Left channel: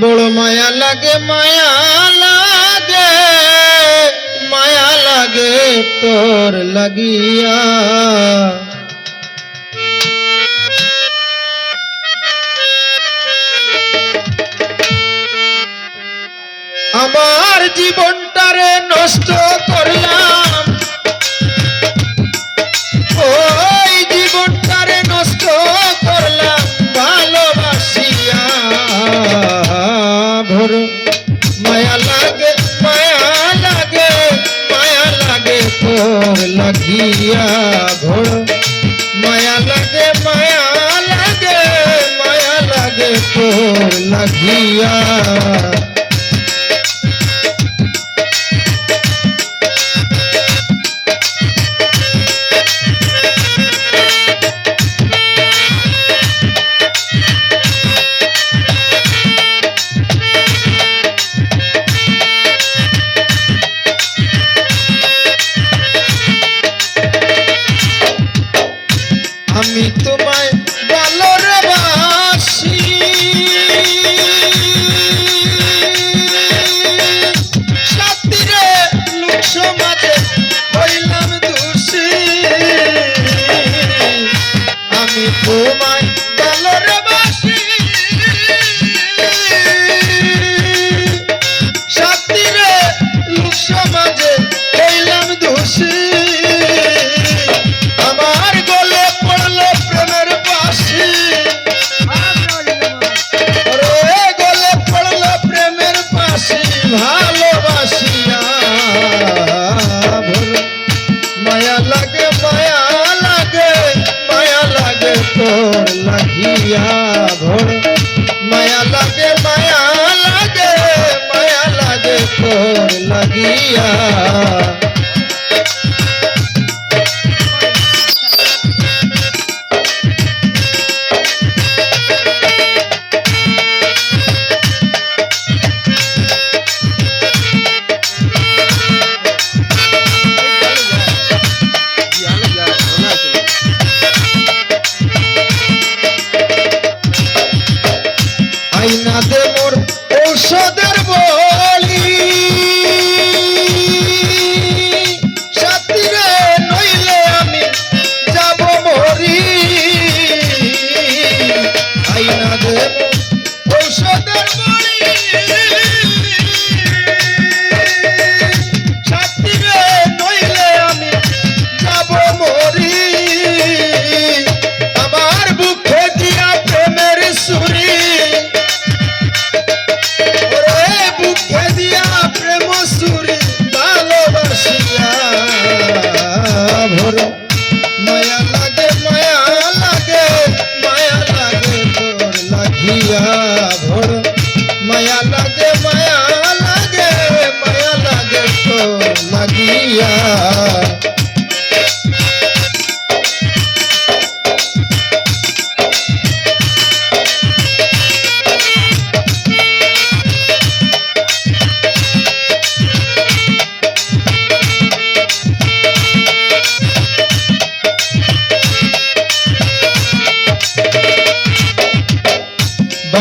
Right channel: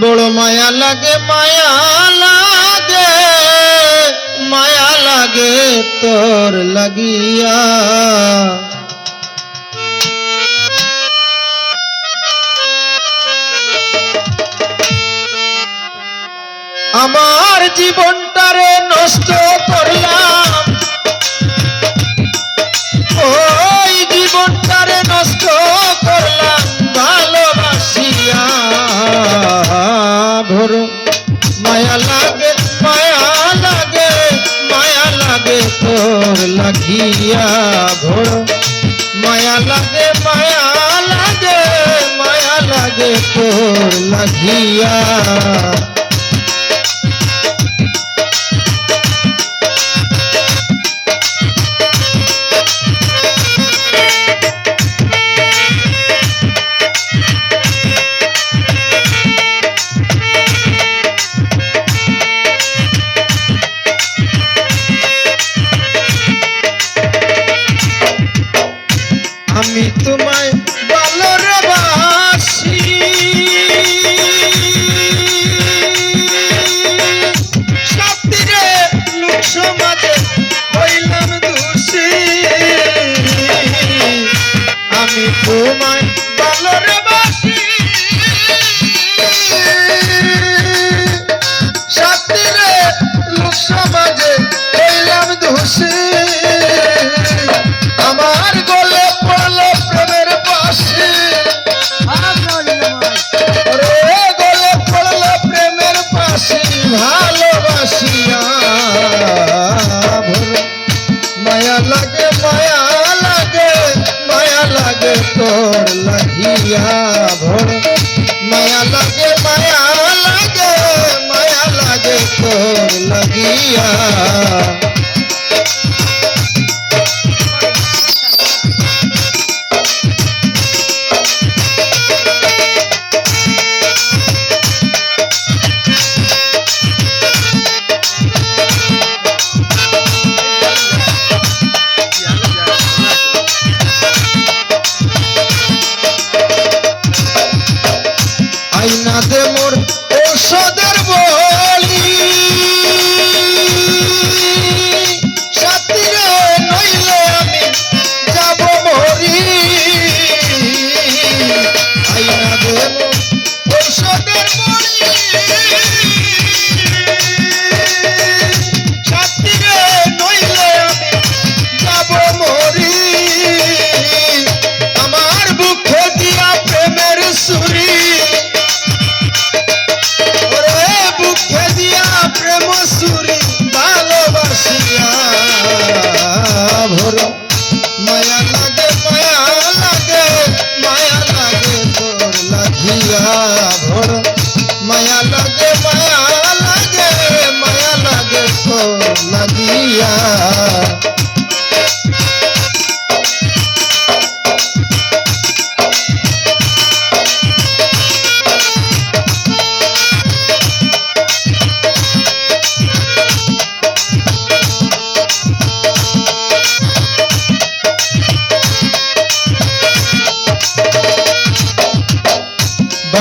বড় মায়া লাগে মায়া লাগে মায়া লাগে তোর লাগিয়া। আমার জীবনটারে নষ্ট করলাম। নষ্ট করলাম ভালোবাসিয়া। ভোর, মায়া লাগে মায়া লাগে মায়া লাগে তোর লাগিয়া। ভোর, মায়া লাগে মায়া লাগে মায়া লাগে তোর লাগিয়া। আমি তোমায় ভালোবাসি। সাথীরে লোক সমাজে হইলাম দোষী। আমি তোমায় ভোর মায়া লাগে মায়া লাগে মায়া লাগে তোর লাগিয়া só Deus. মায়া লাগে মায়া লাগে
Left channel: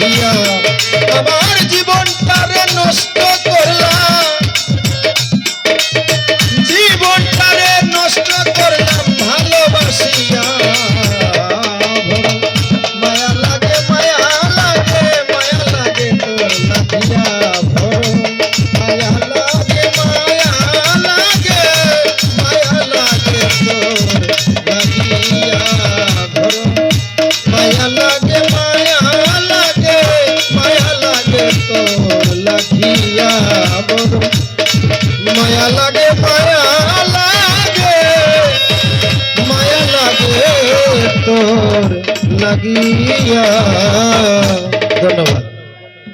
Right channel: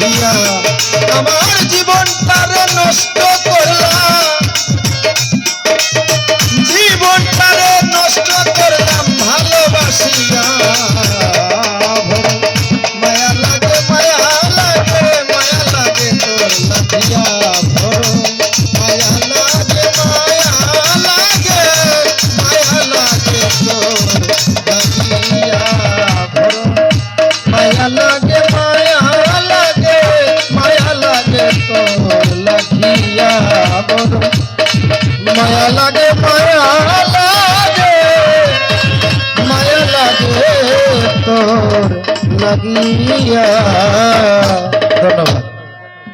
লাগিয়া আমার জীবনটারে নষ্ট করলাম জীবনটারে নষ্ট করলাম ভালোবাসিয়া। মায়া লাগে মায়া লাগে মায়া লাগে তোর লাগিয়া লাগিয়া ধন্যবাদ